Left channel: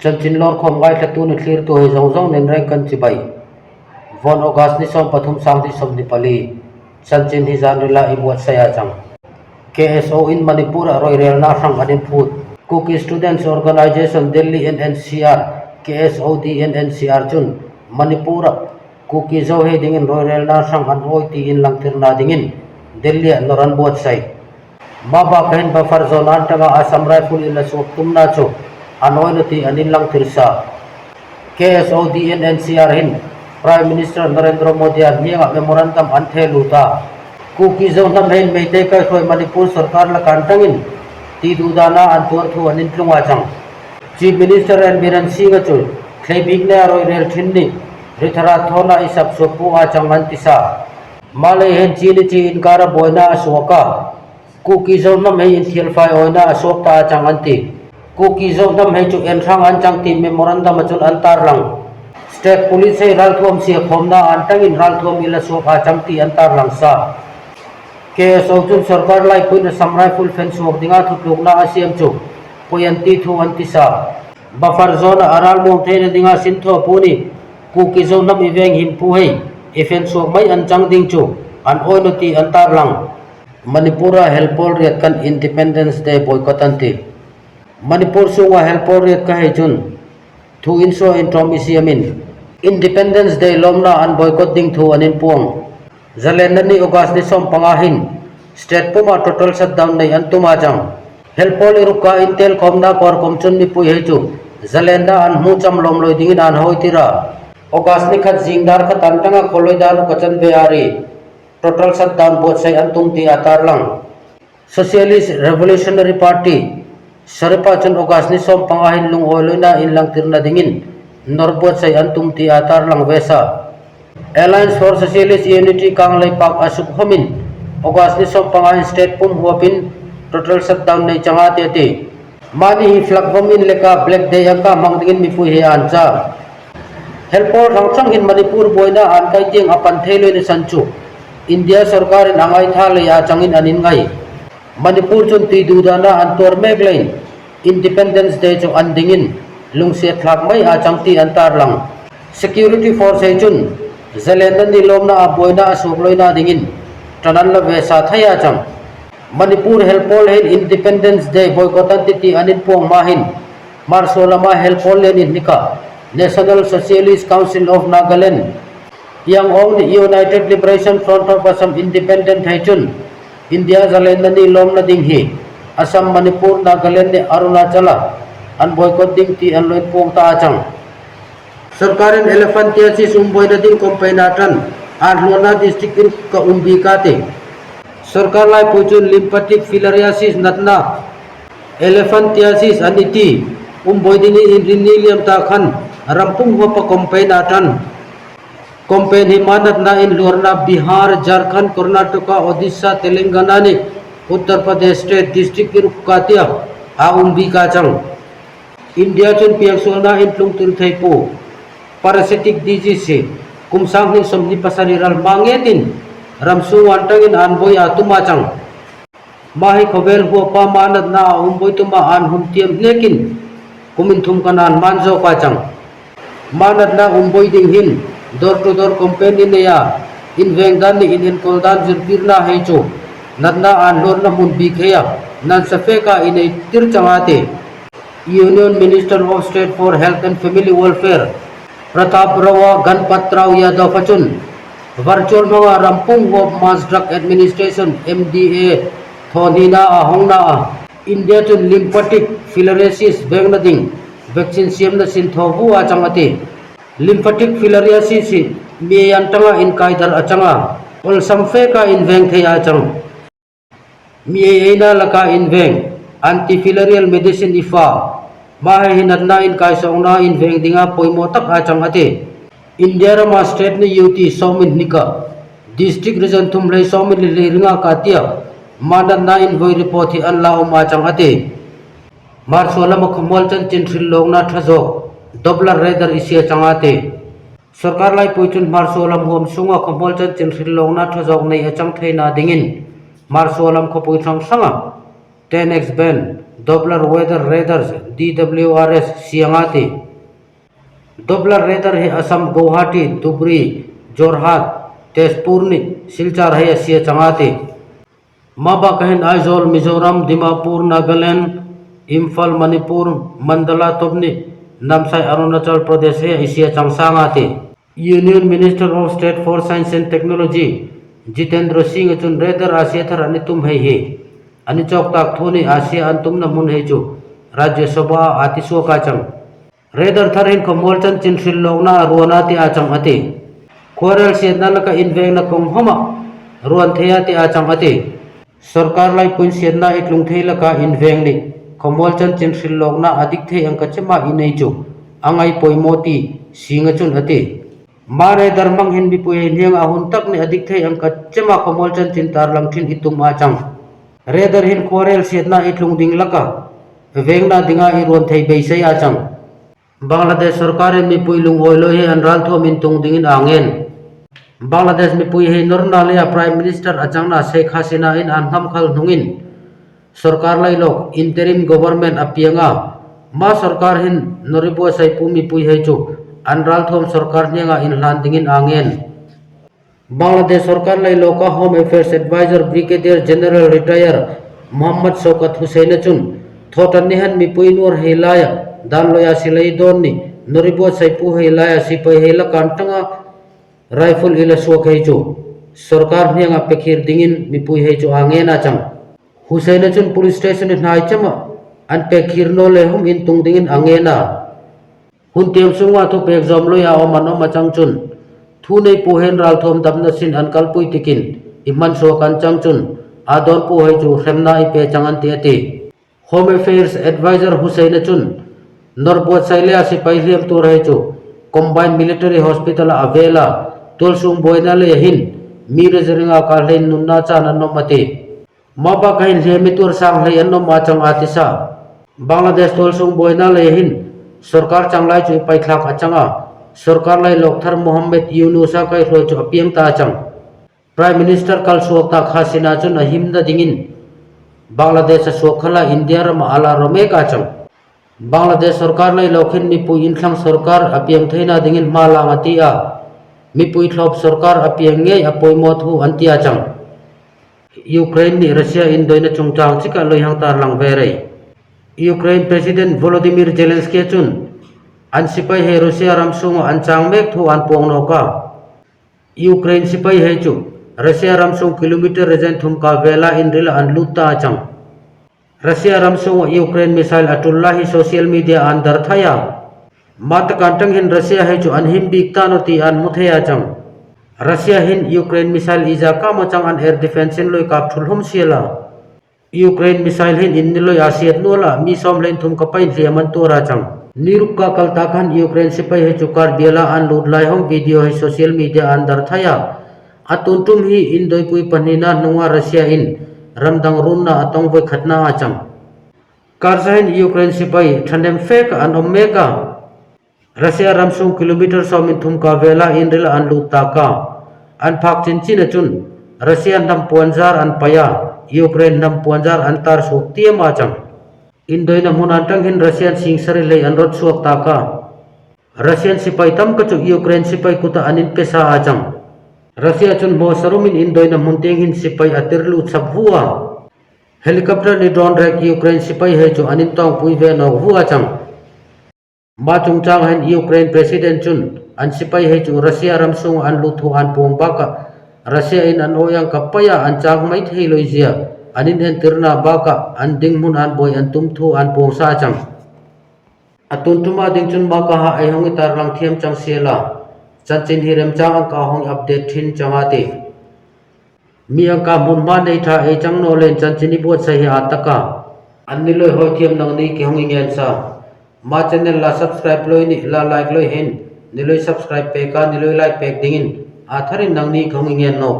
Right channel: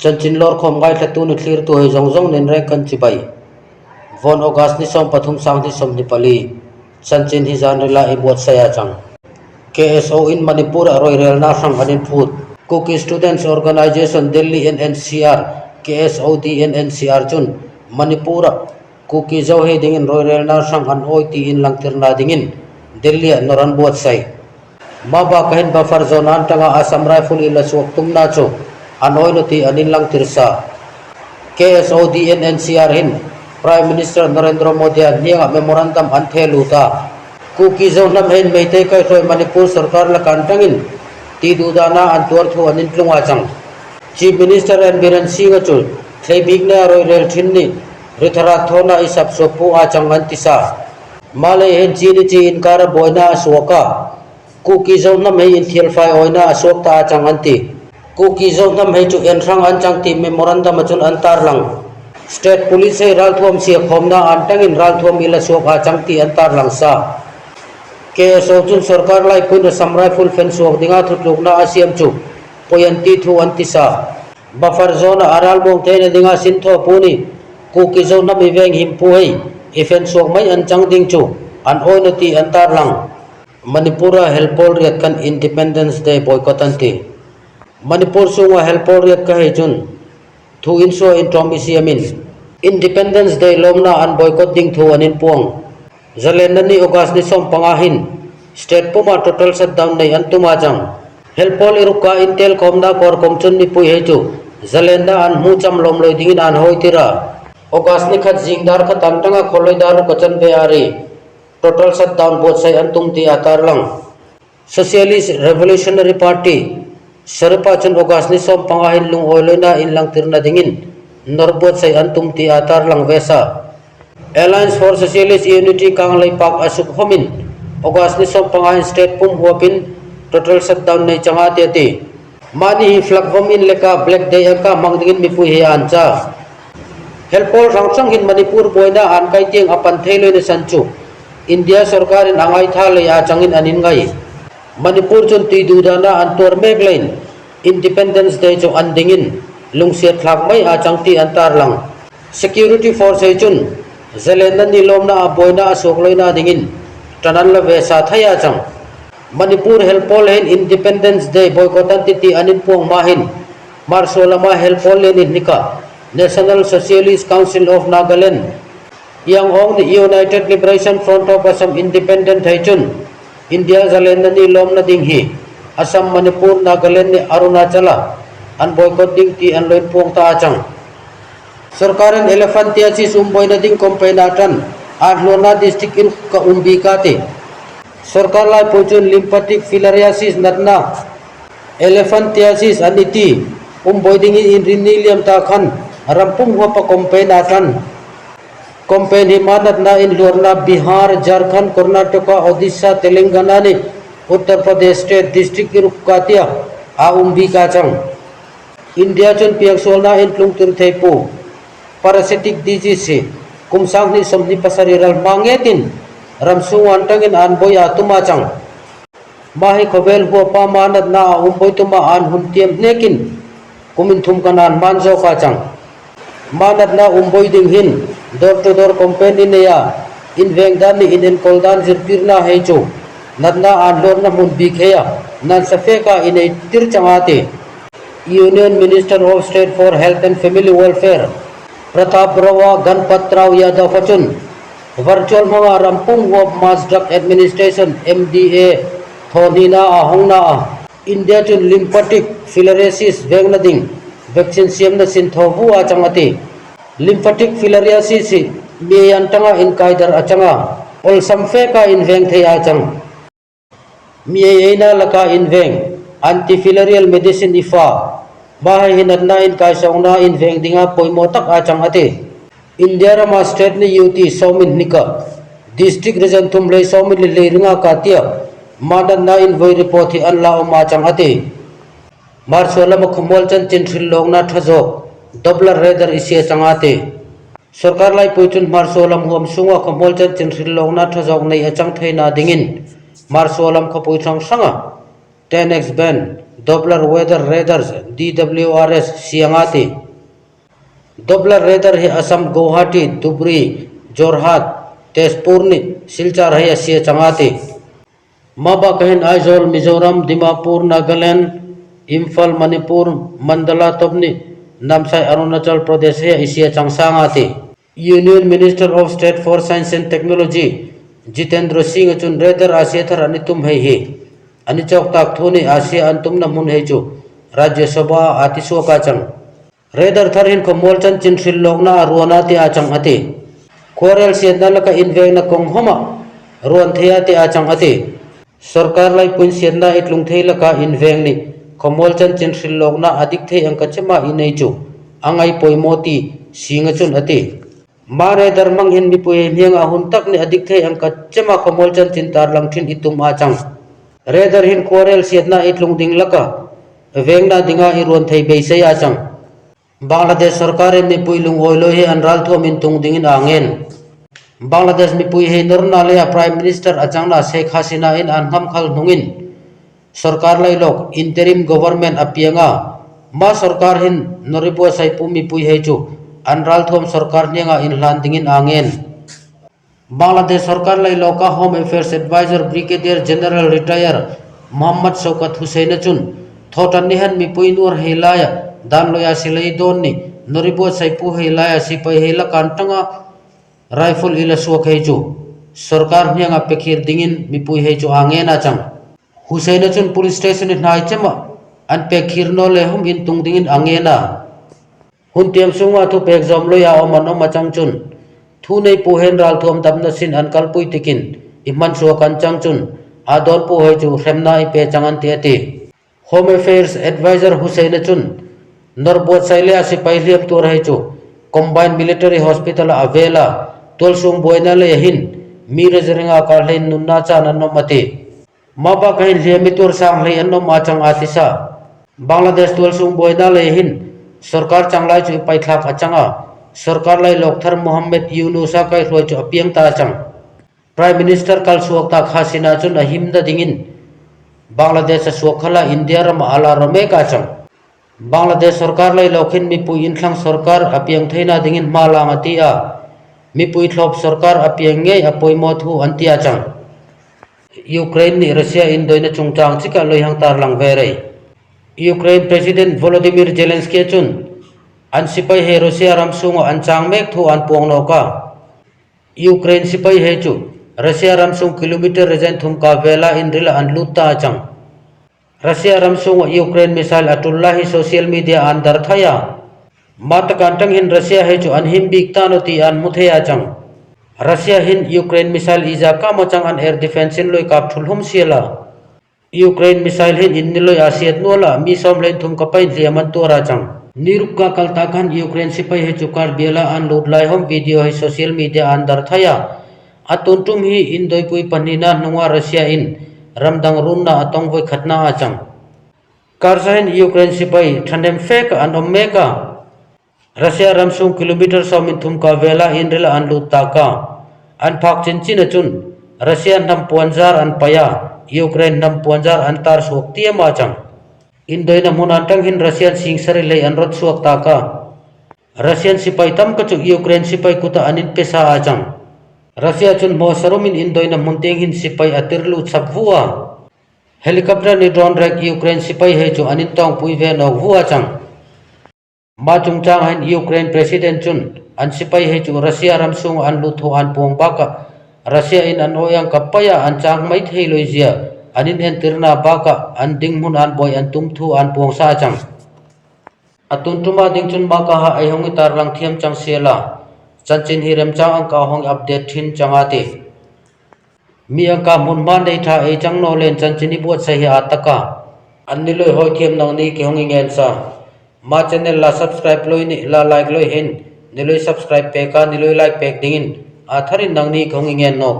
chanchin lor khom gai thatu ni thlir tu hei zong zong nen rek kan chi bai von August ni som pathum sang ni som ni pali chanchin hi zan rila I buat saya chang KSO in Manipur aroi rel na sang anin phut Cookie Students Organization Delhi NNCR KSOD NNCR chun Manipur Cookie zo he dingin roi rel na sang an oi ti in lang tirna dingin Delhi noran buat sai maba kahin buffer zone an tanga Assam Rifle ila suak tumna chu anoi nati anin lang tirsa KSOD NNCR hin Prime Minister Narendra Modi an niya memorandum an theluta Cookie zone nam hein meite kai roi Manipur sarkar la kantangin ti dudana an tuar thu anin tlunga chang Chief Minister and Biren Singh chu thlei big na roi rel thinni rithara thona isap sopu a changan tisa malay hen chini chi inkara boina aswaka Cookie zone nam hei in thial fai oina aswak ta changan ti Cookie zone nam hei chu enrang an chang ti memorandum achun antar lang State Police hei ral thuam si khomna antangin ral thuam ila swak a chang ti antar lang sa KSO chun sarkar lai puina Assam Rifle fence swak dinga thutlukna asiam chu poyanti thu antisa buffer zone aral mong theina dinga sintho puni Cookie zone nam iveng himpu hei ifen swak mai an chang ding chu an oinoti antar lang Manipura helpol riat kan Independence Day boycott anti Manipur sunga helpol riat ka hei chun thu inso in tom isiamin Independence Day lomna an boycott ding thu anin puang zalenda ni August ni som pangahin state puma total shutdown nei antuma jang helpol iruka intel komna kor komchun ni pui hei chu zalenda an mu cham lom loi dingin an hoitira August ni khat jingdar khat antanga kholoi dar kachan be ari total shutdown bot sai antum ti atar lang Socialist Revolutionary Party sarpa chan August ni som pangahin lung oloina in lang tirna dingin norbot sai antum ti atar lang vesa Alliance for Socialist Unity kang lai pak asuk homin August ni som pangahin state pum huapin total shutdown nei changa te ti mani hi flag homin leka black day aka mangdingin mi pui hi ancha helpol rangsang hin Manipur boina an kai ting apan thailoi ni sanchu India sarkar in angai tha le a changin anin ngai Manipur chun ti dudana an tor mek lain Independence Day chu andingin lungsiat thlak mai a changti antar lang security force he chun zalenda ni lomna a boina asok loina dingin tanan la vesa thaya chang Manipur helpol hen Independence Day boycott anti anin puang mahin marsolama helpol len nika National Socialist Council of Nagaland yang ong the United Liberation Front of Assam Independent Haichun India zalenda ni lom na ding hi Assam Manipur Nagaland ni Arunachala an boycott ding ti an loin puang ta achang sarkarin elephantiasis umboy na ding kompainatan an lona district in ka umbikate sarkar lai puchun lymphatic filariasis natna elephantiasis aniti umboy ding in rinilium ta khan rampung wa pa kompainatan Kompen himanat na in Lorna, Bihar, Jharkhand, Karnataka, Odisha, Telangana ni Uttar Pradesh State District Irukkatia Aumbi Kachang India chun piaksol na in Plung Tirthaipu parasitic disease kumsang ni somni pasariral mangetin ramsung antangin anboy atumachang mahi khobel huwa pa manat na umboy tuma an humtiam nekin kuminthum kanan manzo kachang manat na umboy ding hin door to door company neya in vengdan ni in koldan zirpirna hecho nadna an lor na mun bikheya nan safeka in tir changate Union Minister of State for Health and Family Welfare Pratap Rawa Ganpat Rao Yadav Achun virtual mga rampung of Mass Drug Administration MDA thonina ahongna India chun lymphatic filariasis vengna vaccine siam na sinthobu achangate lymphatic filariasis me antanga in kaidar achanga ol samfeka in veng thei achang me eina laka in veng antifilarial medicine ifa bahe hinatna in kai songna in veng dinga poimotak achang ate India rama state ni UT somin nika district region thumlei somin le ringa katia manatna in voi report hi anla uma chang ate marsola makhmol chan chin thil longna thajo doblar redar isia changate sarkar lai puchun marsolam hom sunga khomol chan chin thil longna thajok nei achang theina dingin marsolam khopui thang sanga 10x ban Doppler weather radars DWRS siangati Doppler radar he Assam Guwahati Dhubri Jorhat Tezpur ni Silchar hai asia changati Maba kahin Aizawl Mizoram Dimapur Nagaland Imphal Manipur Mandala Topni Namsai Arunachal Pradesh he asia changsangati Union Minister of State for Science and Technology Jitendra Singh chun radar asia thar anitum hai he ani chok tak thoni asia antum na mun hai chu Rajya Sabha atiso ka chang radar tharin komol chan chin sil lokna ruana ti achang ati Korel siedna laka inveng na kong homa ruan thea ti achang ati sarkar lai pun siedna itlung thei laka inveng ni komol chan chin sil lokna adik thei angka chema inei chu angai poimoti singa chun ati Mare darmang hin mipui hiang ahun tak ni adik thei angka chema komol chan chin tar lang thin itum achang redar hin korel siatna itlung ding laka vengna dinga iron thei beisai achang Bangladesh sarkar mipui lung oilo he anral thom in tung dingin angen Bangladesh mipui he Nurnalia Prime Minister achangna Sheikh Hasina in anham khal hnungin sarkar lai lok interim government apianga ma sarkar hin noribo saipu mipui he chu Anral thom sarkar nianga in hlan dingin angen Bangladesh sarkar lai loka Home Affairs Advisor Brigadier General Retire Muhammad Shaukat Hussein chun thotan nihan mipui nur helaya dan loya silai don ni noribo saipu helaya sipai hela kantanga rifle ila suak hei chu sarkar nianga pekhir dingin mipui hei chu angen achang Hussein chun police station hnai chama an pekhir no le hum in tung dingin angena hun tiam sunga thu pek zom lo ya oman oma changchun thu nei pu hen ral thom damna sin an kalpui tikin iman so kan changchun adon pu he chu hremna I pe changan te ati Home Affairs Advisor Hussein chun norbot sailea sipai liam tur he chu combined military hospital avela tolsung boina le hin mirezringa ka hlein nunna cha nan nomati maba kain lemitur sang hle anno ma chang atisa Bangladesh tolsung boina le hin sarkar changlai chu paithlak achanga sarkar lai lokthar Mohammed Yunusa kai roi chu apiang ta chang Prime Minister kal suak ta khasina chun ahimda dingin Bangladesh suakhala India ram ala rome ka chang Bangladesh sarkar lai lokhin mipui inthlang sarkar apiang theina dingin malang atia mipui thlop sarkar apiang nge apoimo thu antia chang Ukraine ni Russia indoina chungchang chika loihang tar lang verei Ukraine President Volodymyr Zelensky chun an sipai he Russia ram sungo an changmek thu an puang no ka Ukraine sipai he chu Russia ram sung kilometer rejen thum ka vela in rila an lutta chang Russia ram sungo Ukraine missile atullahi social media an dar thaya mat kantang hin Russia he chu an himbik tanoti an muthaya chang Russia hin Ukraine missile iza ka mo chang an air defense in loi kap thulhum siala Ukraine missile hin inniloi asiat nola mi som len thum kapain liaman tora chang niruk ka kalta khan Ukraine sipai he chukar biela an lut lai hom video he social media an dar thaya atuntum hi indoi pui panina nunga Russia in ramdang runna atong voi khatna achang karsahin Ukraine sipai thandem fek an omeka Russia ramsung kilometer somin thum ka vela in rila an lut ta ka an phak chinchin chun Russia nam puanjar an paya Ukraine nam puanjar antar suak tiam achang indoina mun antang hin Russian singsari lei anrot suak taka Russian sipai tam ka chu Ukraine sipai kuta anin pesa achang Russia chun mo sarumin indoina mun teng hin sipai atirlu chapvua helicopter ni drone rek Ukraine sipai he chu anin tong pui ve nok vua chang ma chungchang han Ukraine president chun an sipai he chu Russia ramsung an luthu an pong baka Russia in an oyang kapaya an chang mai thei loizia anin hen tirna baka an ding mun an boy an tumthu an pong sa chang atun tuma ding chun ma ka ha ai hong tar lang thiam chang sela chanchin hirem chang ang ka hong update thin changate mi ang ka mun ma nei tha e chang no len chanchini bot sai ataka an ni loi hoi thiam nang nei ki hong ngel sa ma channel la subscribe loi ni la like loi hin ni loi subscribe pe ka ni loi like pek dingin atharin nang ni khong ngel no